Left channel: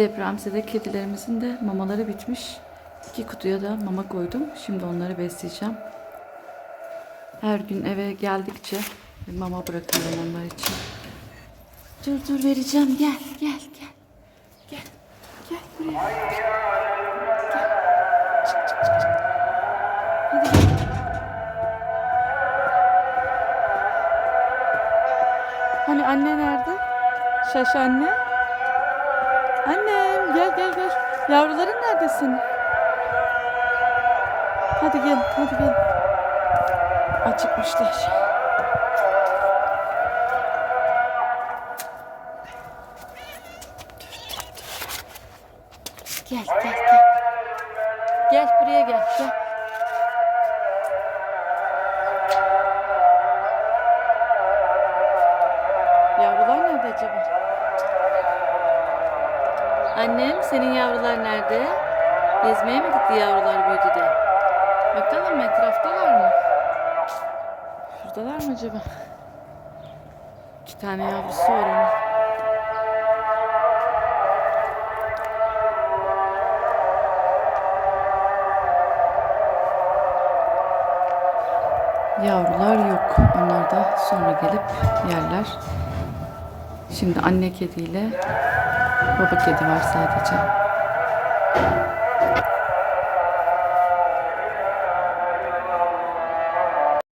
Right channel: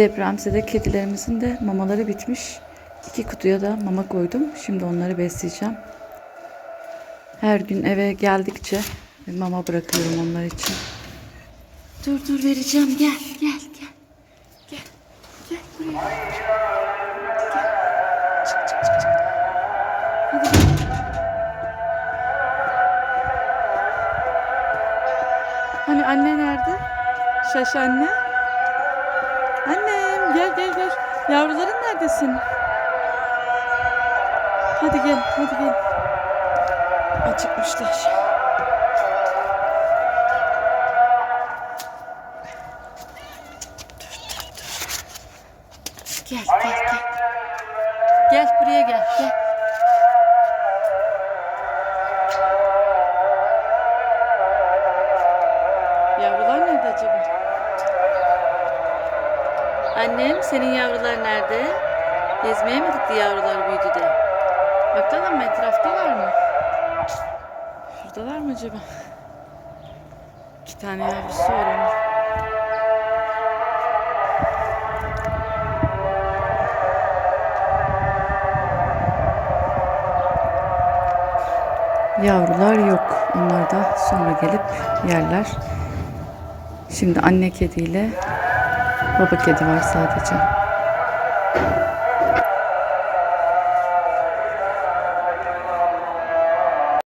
Depremzede kedilerimizin de mamaları bitmiş. İki kutuya da mama koydum. Şimdi onları besleyeceğim. Her gün eve geldikçe mama bırakıyorum onlar için. Dur dur vereceğim. Gel gel gel. Gel. Gel buraya. Gel. Çık çık çık. çık. Hadi gel. Hani anne nerede? Şaş anne. Annem gel gel gel. Yavruların nerede senin? Hadi gel hadi gel. Acıkmışlar. Gel gel gel. Gel buraya gel gel. Yavrular nerede acaba? Annem senin yavrular nerede? Gezmeye mi gitti yavrular büyüdü de? Bakalım etraftalar mı? Şuradalar mı acaba? İki tane yavrusu var onun. Yavrular yok. Onlar da sonra gelip yerler. Şimdi anne kediyle baba kedi var sadece.